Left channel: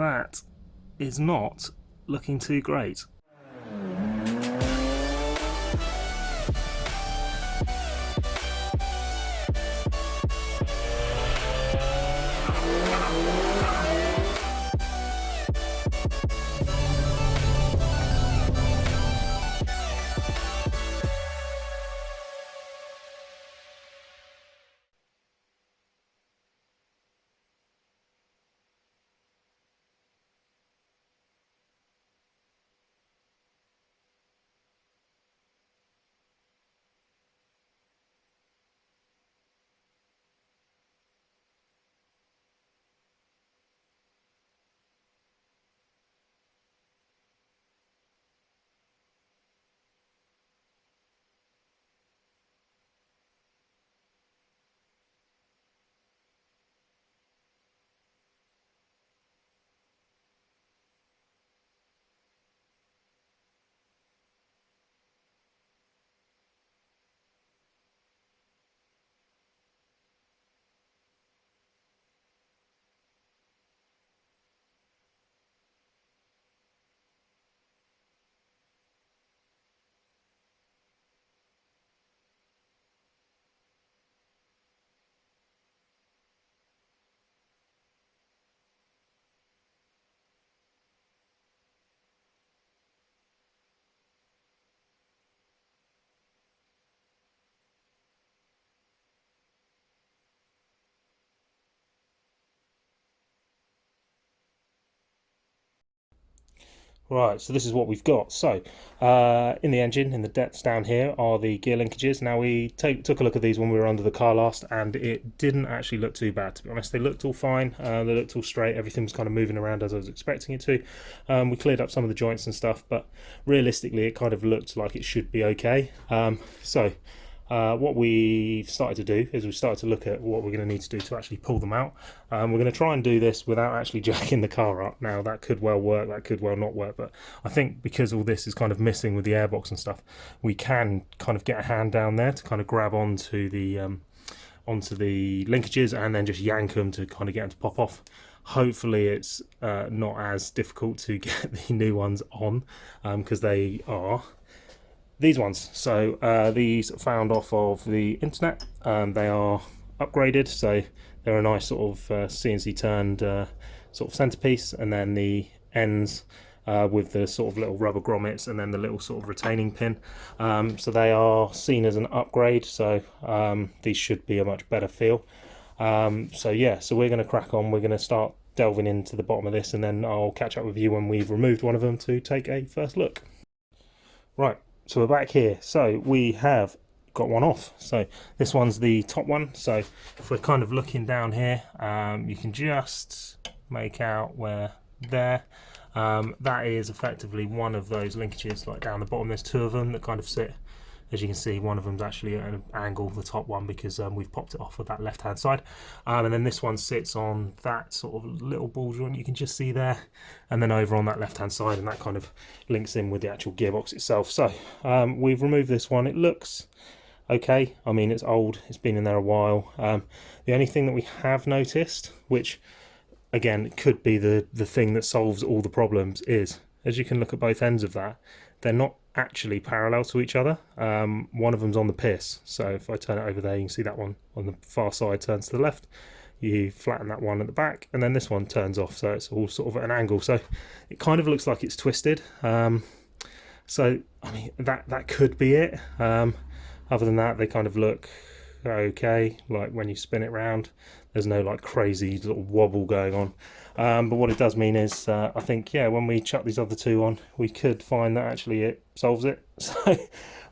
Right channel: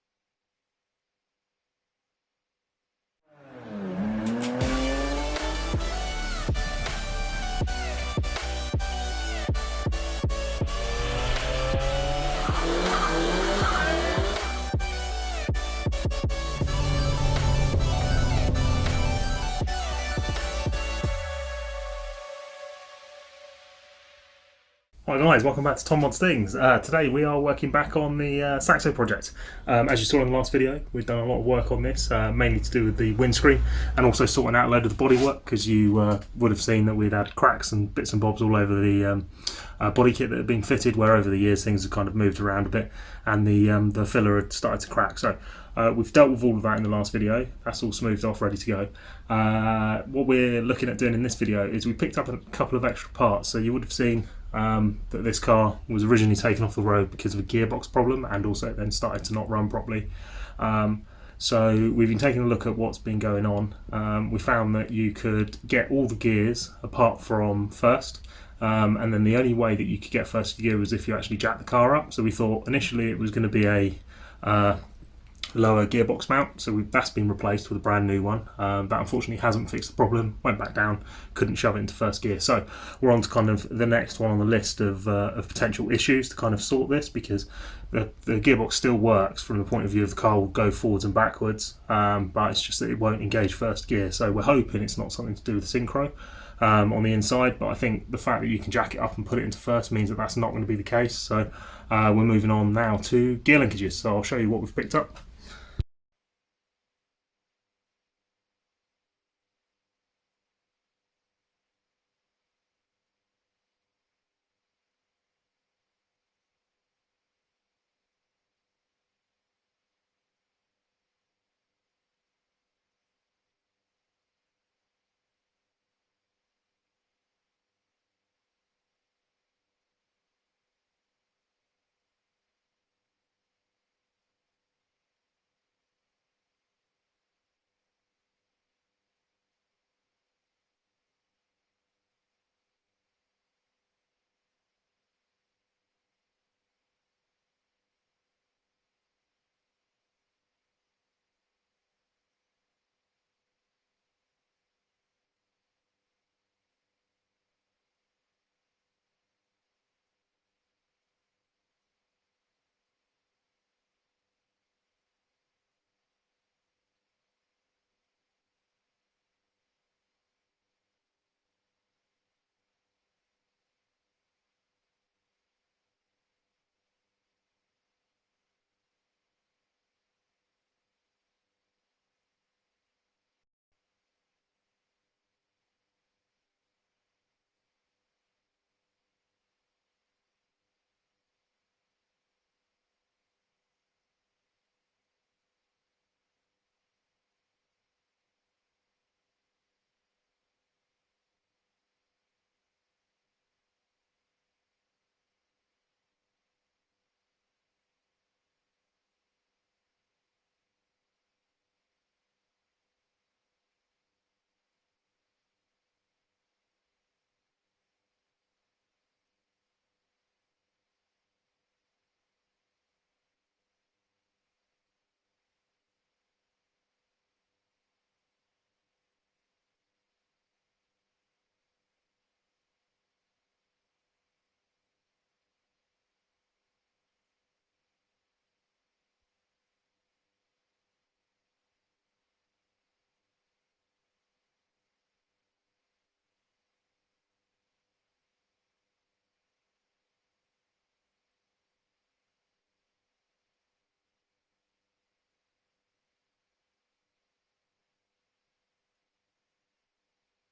that is not looking too great. Hi guys, welcome back to Tom Mods Things. Today we are working back on the Saxo project. As you saw in the last video, we've done a lot of work on this, mainly to do with the windscreen and also sorting out a load of the bodywork, because you would have seen that we'd had cracks and bits and bobs all over the body kit that had been fitted, where over the years things have kind of moved around a bit and the filler had started to crack. So we've dealt with all of that in the last video. That's all smoothed off, ready to go. What we're looking at doing in this video is we picked up a couple of extra parts. So you would have seen that this car was originally taken off the road because of a gearbox problem, and also it then started to not run properly. So we've been taking a look at what's been going on. We found that you could get all the gears apart from first, and then the only way that you could get first gear was if you actually jack the car up. So we thought initially it was going to be a lower gearbox mount, so that's been replaced with a brand new one. That unfortunately hasn't fixed the problem, went back down, couldn't shove it into first gear. So we're on to kind of the next one on the list of potential issues to kind of sort this, because the gearbox still works from the point of view of the car will go forwards and backwards, but it's just that it won't engage first gear. So we're hoping it's not something to do with the synchro on the inside, but I think the fact that you can jack it up and put it into first means that that's not going to be the case. So we're moving on now to gear linkages, so I'll show you what we've picked up. Right, so this is what we've got. So in the engine, in the depths down here, are the gear linkages. Now we took a look at these when we were under the car last, and it didn't actually look too bad, to be honest. They looked all fine, they looked all straight, everything was kind of moving around as I was expecting it to. We cleared up some of the joints and stuff, but realistically it kind of looked like it should be okay. What we've started to do is we've started to look at what we're going to need to do to actually pull them out. We're going to try and do this without actually jacking the car up. Now that could well work, that could well not work, but I think because all this is kind of missing with the airbox and stuff, we can kind of get a hand down there to kind of grab onto the linkages and then just yank them to kind of get them to pop off. Hopefully it's not as difficult to get the new ones on, because they are these ones. So these found off of the internet. They are upgraded, so they're a nice sort of CNC turned sort of centerpiece, and then the ends with the sort of little rubber grommets, and then the little sort of retaining pin. So they are seen as an upgrade, so these should be a much better feel. So yeah, so we're going to crack on. We're going to start delving into the bottom of this, and then I'll catch up with you when we've removed one of them to take a first look. Right, so we're back here. So we have got one off. So this one's the top one. So if we're kind of looking down here, you can just make out where there. That is effectively one of those linkages, like down the bottom. There's two of them that kind of sit. As you can see, one of them's actually at an angle, the top one, because we've popped it off with that left hand side, and then this one sits on that sort of little ball joint you can just see there, and then over on that left hand side, and that kind of links in with the actual gearbox itself. So we've removed this one. It looks okay. I mean, it's old, it's been in there a while. The only thing that we have noticed, which again could be the thing that solves all the problems, is, as you can look at both ends of that, they're not actually parallel to each other. One of them's on the piss, so if I turn it over there, you can see that one on the far side turns to the left. You flatten that one at the back, and then this one turns off, so it's all sort of at an angle, so it kind of looks like it's twisted. So I mean, that could be it. Other than that, they kind of look okay. Like when you spin it round, there's no like crazy sort of wobble going on. But what it does mean is, I think, yeah, when we chuck these other two on, we could find that actually it solves it. So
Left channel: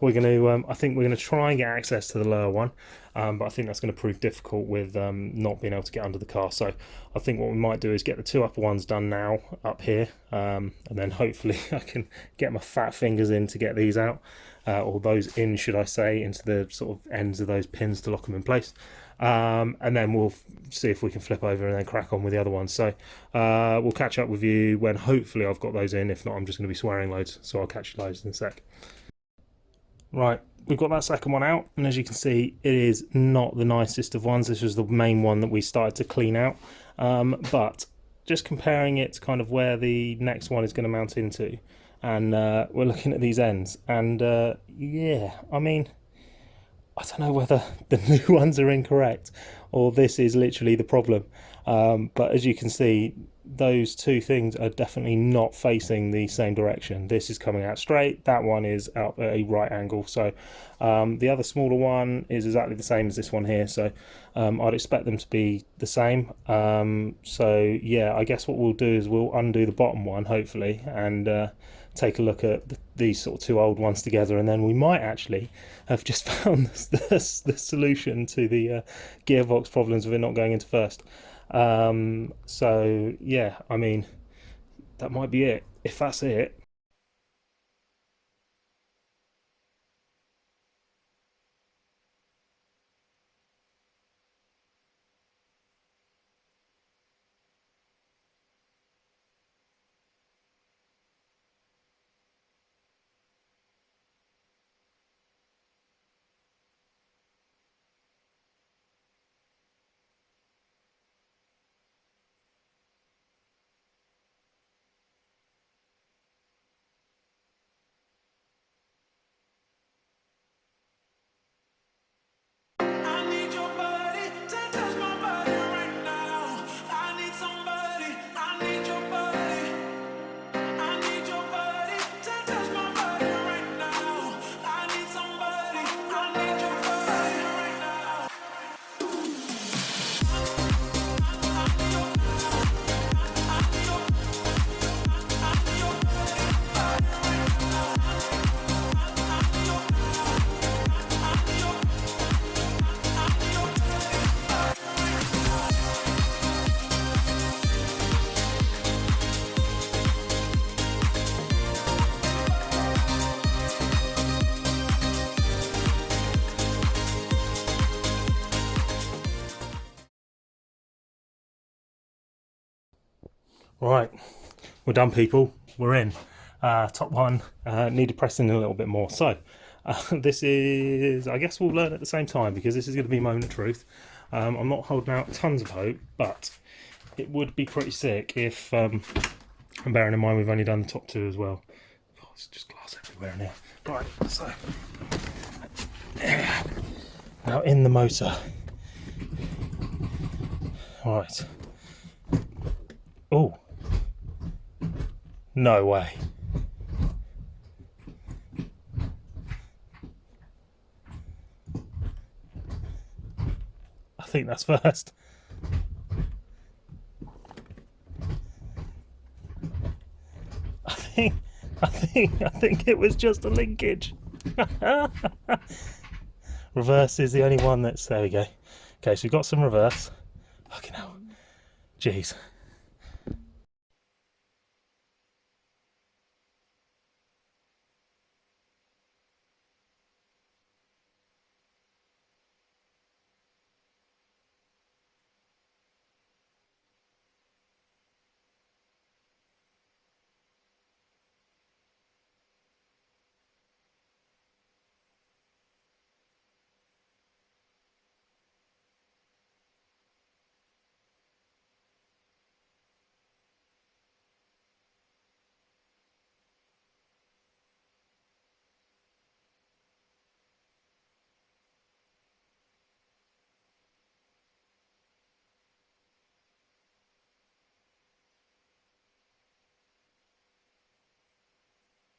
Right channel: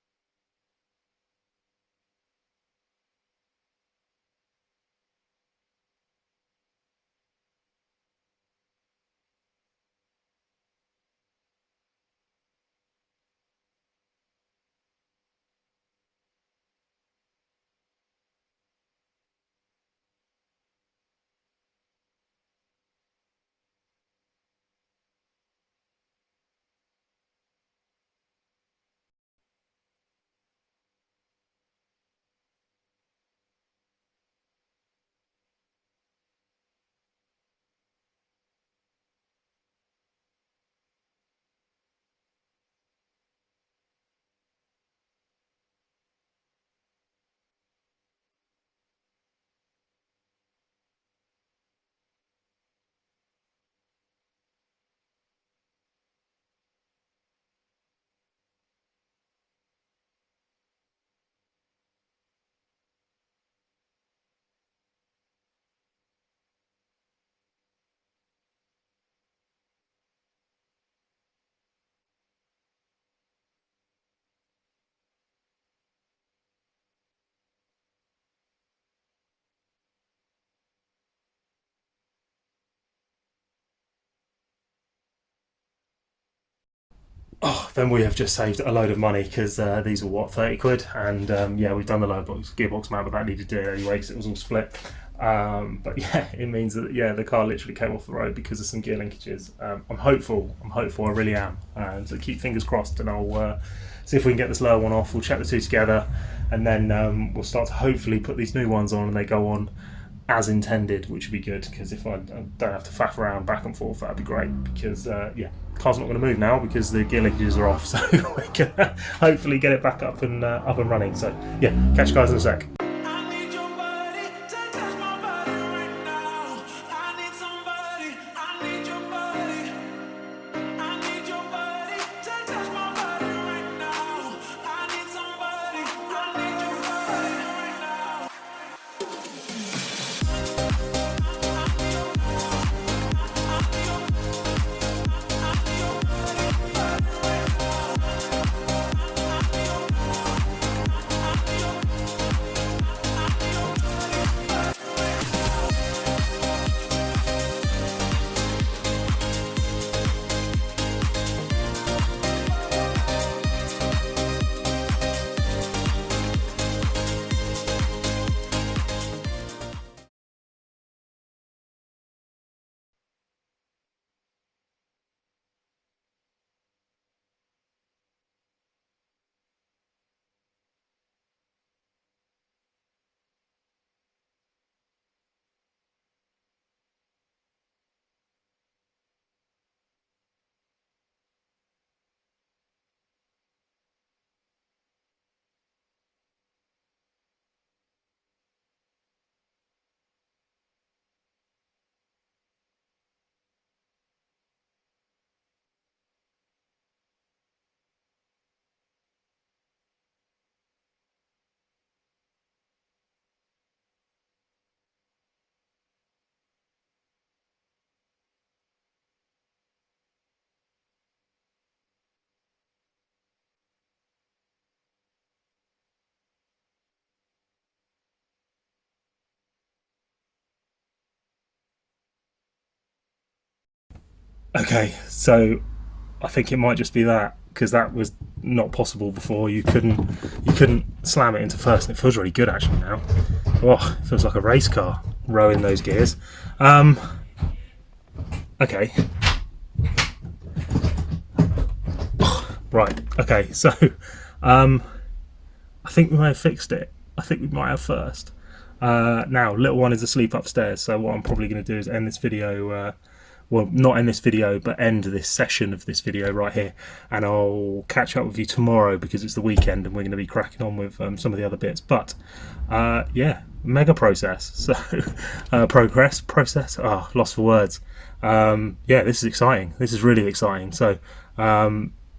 we're going to, I think we're going to try and get access to the lower one, but I think that's going to prove difficult with not being able to get under the car. So I think what we might do is get the two upper ones done now up here, and then hopefully I can get my fat fingers in to get these out, or those in, should I say, into the sort of ends of those pins to lock them in place. And then we'll see if we can flip over and then crack on with the other ones. So we'll catch up with you when hopefully I've got those in. If not, I'm just going to be swearing loads, so I'll catch you loads in a sec. Right, we've got that second one out, and as you can see, it is not the nicest of ones. This was the main one that we started to clean out, but just comparing it to kind of where the next one is going to mount into, and we're looking at these ends, and yeah, I mean, I don't know whether the new ones are incorrect or this is literally the problem, but as you can see, those two things are definitely not facing the same direction. This is coming out straight, that one is out at a right angle, so the other smaller one is exactly the same as this one here, so I'd expect them to be the same. So yeah, I guess what we'll do is we'll undo the bottom one hopefully, and take a look at these sort of two old ones together, and then we might actually have just found the solution to the gearbox problems of it not going into first. So yeah, I mean, that might be it. If that's it, oh, then we have just saved a load of money, because these were what, 30 quid, and yeah, we've done the gearbox mount, but that needed doing anyway because it was all split. But yeah, it means that, yeah, the car literally came off the road because of some gear linkages. I'm hopeful, I really am, so keep fingers crossed, and I'll see if we can get this lower one off. We'll check the two together, and then we'll start to hopefully put these new ones on and they go on as intended, which would be good, because if I don't have to faff around back and forth, that'd be great, because yeah, the car's not going to move now because the gear linkages are off, so we're gonna hopefully get it back up and running. So yeah, catch you guys in a sec. Right, we're done, people. We're in. Top one needed pressing a little bit more. So this is, I guess we'll learn at the same time, because this is going to be moment of truth. I'm not holding out tons of hope, but it would be pretty sick if, and bearing in mind we've only done the top two as well. God, it's just glass everywhere in here. Right, so now in the motor. All right. Oh. No way. I think that's first. I think it was just a linkage. Reverse is the only one that's, there we go. Okay, so we've got some reverse. Fucking hell. Jeez. Okay, so I think it might just be that, because that was not possible before. You couldn't slam it into first, and it feels really good actually now. Oh, it feels like a race car rowing those gears. Okay. Right, okay, so I think we may have fixed it. I think we might have first. Now, little one is asleep upstairs, so what I'm probably going to do is end this video, well, not end this video, but end this session of this video right here, and I'll catch up with you tomorrow, because it's the weekend and we're going to be cracking on with some of the other bits. But yeah, mega process. So process, lost for words. Yeah, this is exciting. This is really exciting. So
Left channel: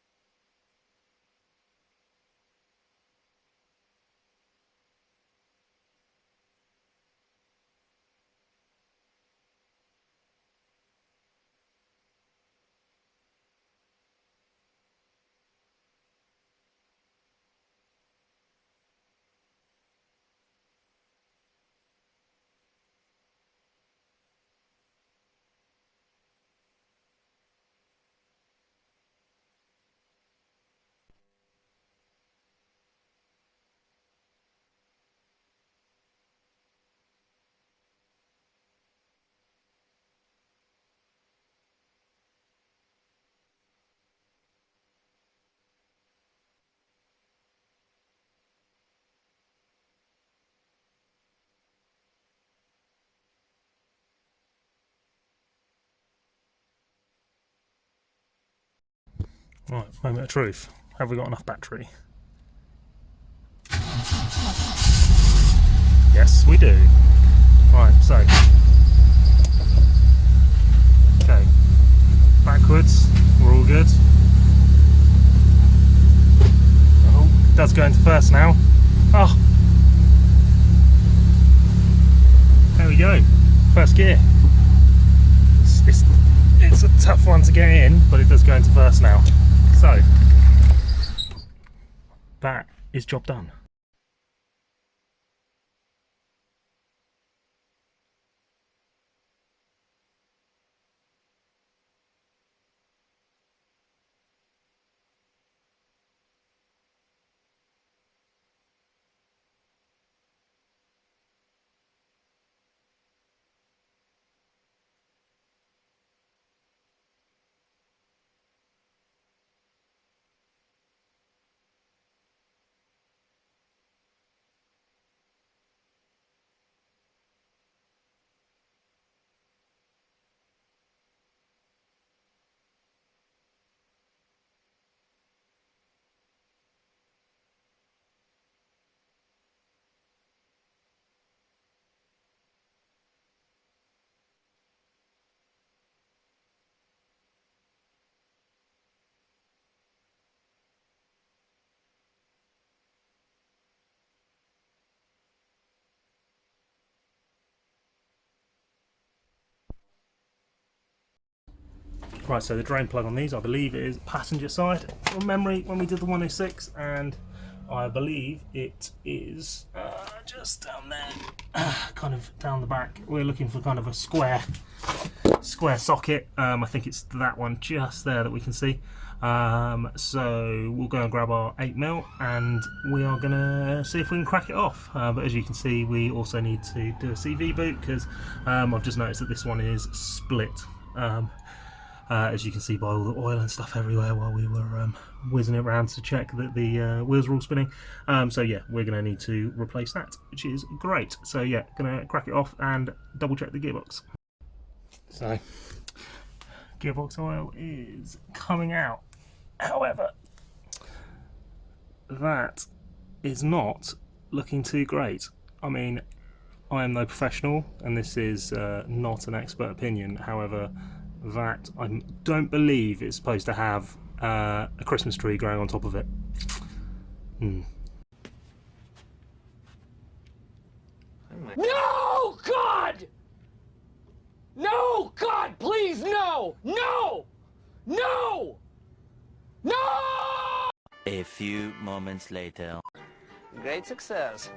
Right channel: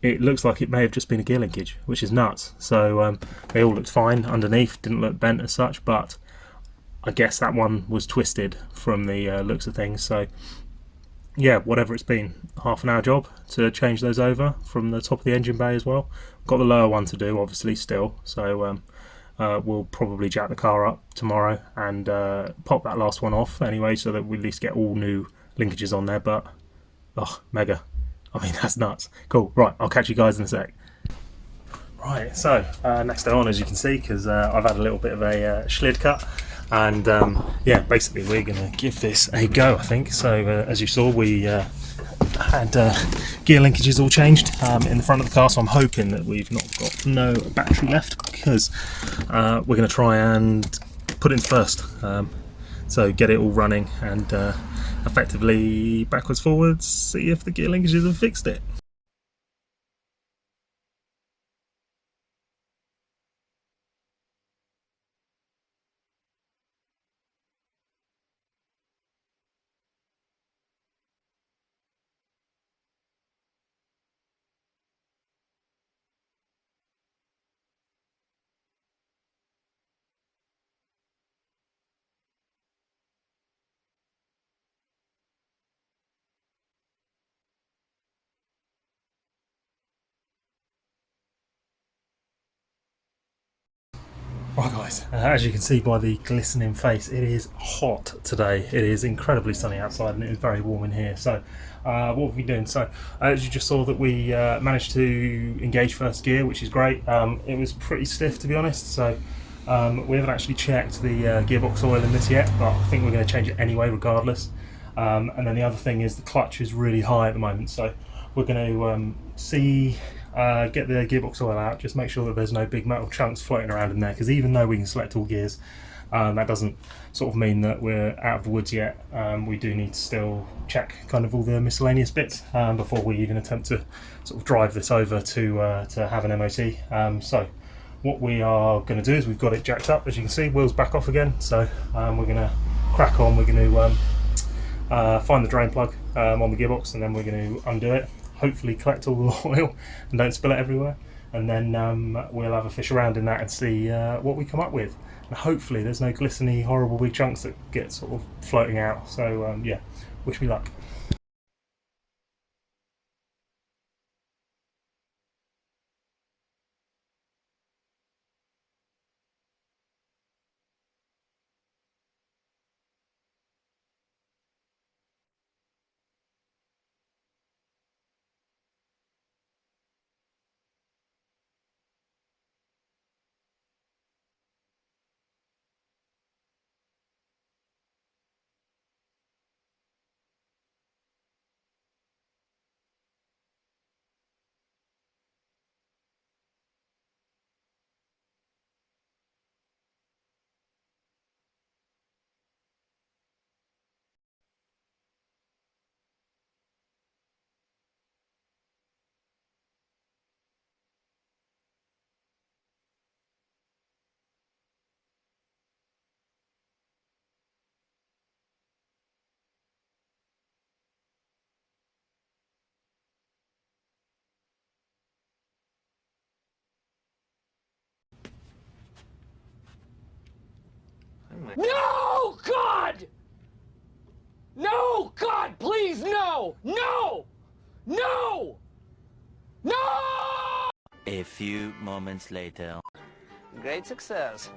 it looks like it may have just been a gear linkage, which is nuts. So they all looked fine underneath, didn't look bent as such, but I guess that one was twisted from the looks of things. So yeah, whatever it's been, half an hour job to change those over from the top of the engine bay as well. Got the lower one to do, obviously, still. So we'll probably jack the car up tomorrow and pop that last one off anyway, so that we at least get all new linkages on there. But oh, mega. I mean, that's nuts. Cool. Right, I'll catch you guys in a sec. Right, so next day on, as you can see, because I've had a little bit of a schlid cut, and yeah, basically we're going to give this a go, I think. So as you saw, we had gear linkages all changed in the front of the car, so I'm hoping that we've not got no battery left, because we're going to try and put it in first, so get it all running and effectively backwards forwards, see if the gear linkages have fixed it. Right, moment of truth. Have we got enough battery? Yes, we do. Right, so okay, backwards, we're all good. Oh, it does go into first now. Oh, there we go, first gear. It's a tough one to get in, but it does go into first now. So that is job done. Right guys, as you can see by the glistening face, it is hot today. It is incredibly sunny outside and it is very warm in here. So what have we been doing? So as you just saw that we managed to engage first gear, which is great. It was pretty stiff, to be honest, so we haven't actually checked the gearbox oil in this yet, but I think we're going to change it anyway regardless. And then the other thing is the clutch is really high at the moment, so we're going to get the gearbox oil out, just make sure that there's no big metal chunks floating around in there, because even though we can select all gears, that doesn't sort of mean that we're out of the woods yet. We do need to still check kind of all the miscellaneous bits before we even attempt to sort of drive this over to have an MOT. So what we are going to do is we've got it jacked up, as you can see, wheels back off again, so we're going to crack on. We're going to find the drain plug on the gearbox, and then we're going to undo it, hopefully collect all the oil and don't spill it everywhere, and then we'll have a fish around in that and see what we come up with, and hopefully there's no glistening horrible big chunks that get sort of floating out. So yeah, wish me luck. Right, so the drain plug on these, I believe it is passenger side from memory when we did the 106, and I believe it is just down there, kind of down the back. We're looking for kind of a square socket. I think it's that one just there that we can see. So we'll go and grab our 8mm and we are going to see if we can crack it off. But as you can see, we also need to do a CV boot, because I've just noticed that this one is split. As you can see by all the oil and stuff everywhere while we were whizzing it around to check that the wheels were all spinning. So yeah, we're going to need to replace that, which is great. So yeah, going to crack it off and double check the gearbox. So gearbox oil is coming out. However, that is not looking too great. I mean, I am no professional and this is not an expert opinion. However, that I don't believe it's supposed to have a Christmas tree growing on top of it. No, God! No, God, please, no! No! No! No! A few moments later. Great success.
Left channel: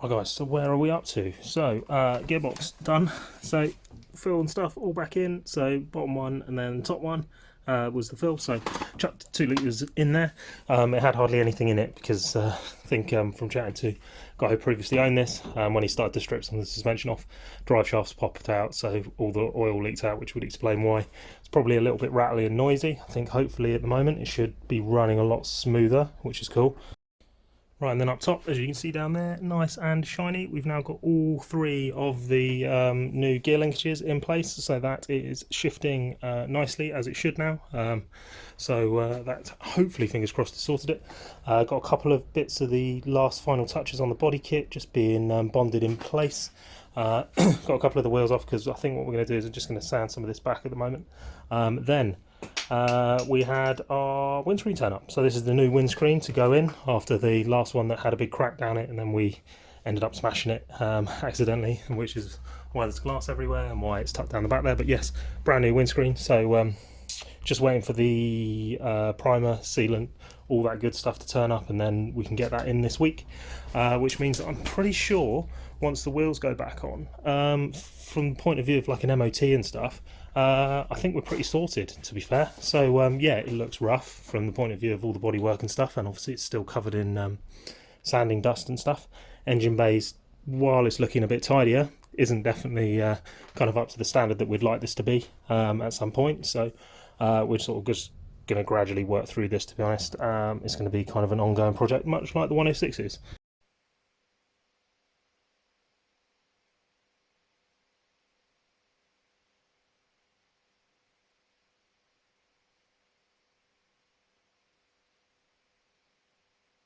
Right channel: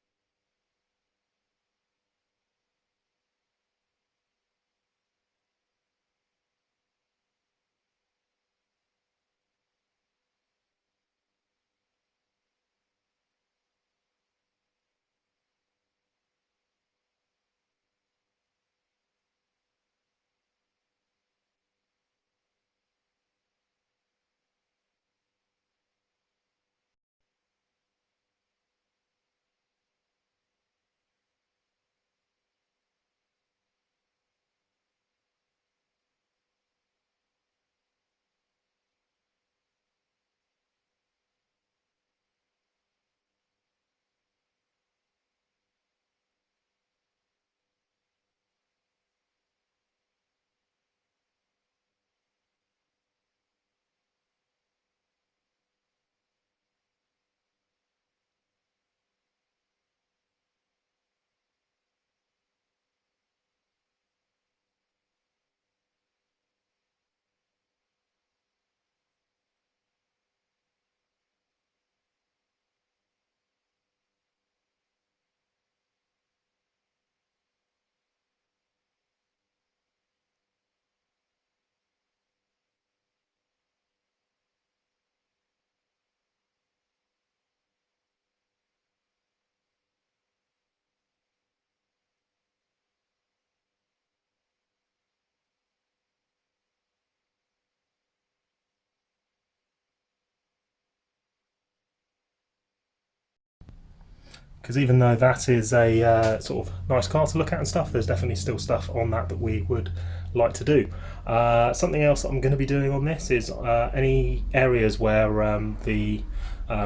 Right guys, so where are we up to? So gearbox done, so fill and stuff all back in. So bottom one and then top one was the fill, so chucked 2 litres in there. It had hardly anything in it because I think from chatting to a guy who previously owned this, when he started to strip some of the suspension off, drive shafts popped out, so all the oil leaked out, which would explain why. It's probably a little bit rattly and noisy. I think hopefully at the moment it should be running a lot smoother, which is cool. Right, and then up top, as you can see down there, nice and shiny, we've now got all 3 of the new gear linkages in place, so that is shifting nicely, as it should now. So that hopefully, fingers crossed, has sorted it. Got a couple of bits of the last final touches on the body kit just being bonded in place. Got a couple of the wheels off, because I think what we're going to do is we're just going to sand some of this back at the moment. Then we had our windscreen turn up. So this is the new windscreen to go in after the last one that had a big crack down it, and then we ended up smashing it accidentally, which is why there's glass everywhere and why it's tucked down the back there. But yes, brand new windscreen. So just waiting for the primer, sealant, all that good stuff to turn up, and then we can get that in this week, which means that I'm pretty sure once the wheels go back on, from the point of view of like an MOT and stuff, I think we're pretty sorted, to be fair. So yeah, it looks rough from the point of view of all the bodywork and stuff, and obviously it's still covered in sanding dust and stuff. Engine bays, while it's looking a bit tidier, isn't definitely kind of up to the standard that we'd like this to be at some point. So we're sort of just going to gradually work through this, to be honest. It's going to be kind of an ongoing project, much like the 106 is. because even though that is a sort of nice car to look at and stuff, there's definitely still stuff on that that we would like to do. Something else that I'm going to be doing on this is any areas where the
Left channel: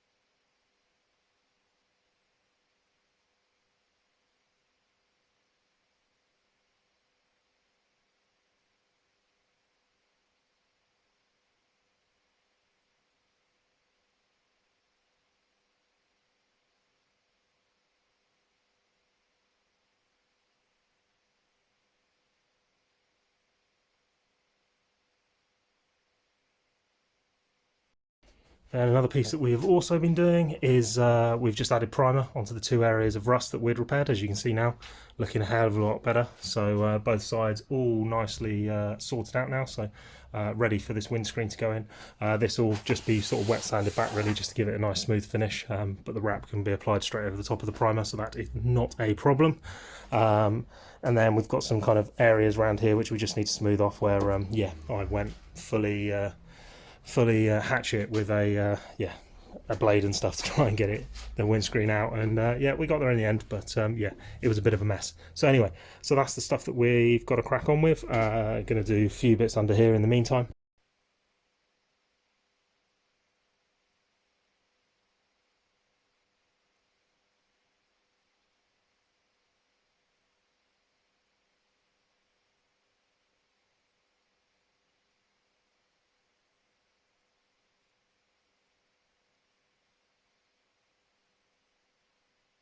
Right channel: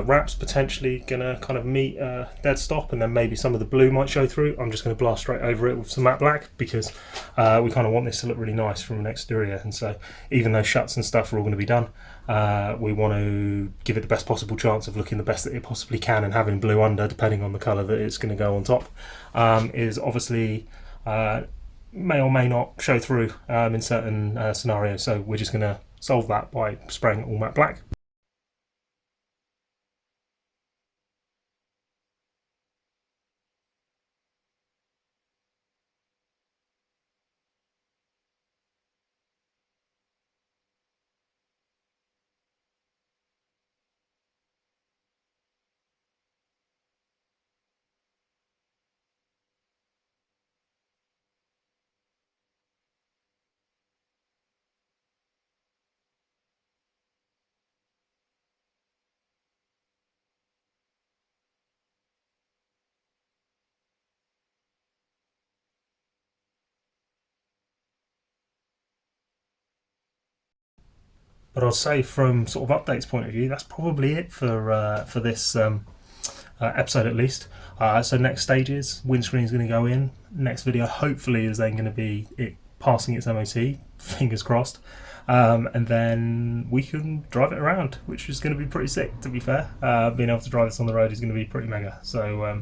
wrap's potentially going to kind of meet dead stop, and then maybe some of the blue might show through. I'm just going to blast straight over it with some matte black, because we kind of want this to look really nice from an exterior. And so even though shuts and stuff are all going to be done, we want to give it the best possible chance of looking the best that it possibly can, and having blue under, depending on the colour that it's going to go on top, is obviously may or may not show through in certain scenarios. So we're just going to solve that by spraying it all matte black. And another piece that we've also been doing is we've just added primer onto the 2 areas of rust that we'd repaired. As you can see now, looking a hell of a lot better. So both sides all nicely sorted out now, so ready for this windscreen to go in. This will just be sort of wet sanded back really, just to give it a nice smooth finish, but the wrap can be applied straight over the top of the primer, so that is not a problem. And then we've got some kind of areas around here which we just need to smooth off, where yeah, I went fully hatchet with a blade and stuff to try and get the windscreen out, and yeah, we got there in the end, but yeah, it was a bit of a mess. So anyway, so that's the stuff that we've got to crack on with. Going to do a few bits under here in the meantime, but I'll say from sort of updates point of view, that's probably it for this episode at least. So next stages, windscreen is going to go in. Next video hopefully is then going to be it passing its MOT, fingers crossed. And then we can drive it around, which is going to be pretty sick, to be fair. Being able to drive this on the road is going to be pretty mega. So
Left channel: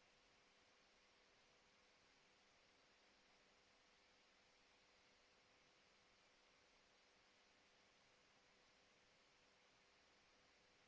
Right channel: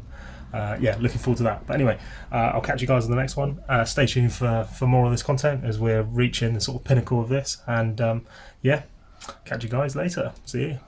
yeah, looking forward to that. But anyway, I'll catch you guys on the next one. Stay tuned for more of this content as we're reaching the sort of pinnacle of this. And yeah, catch you guys later. See you.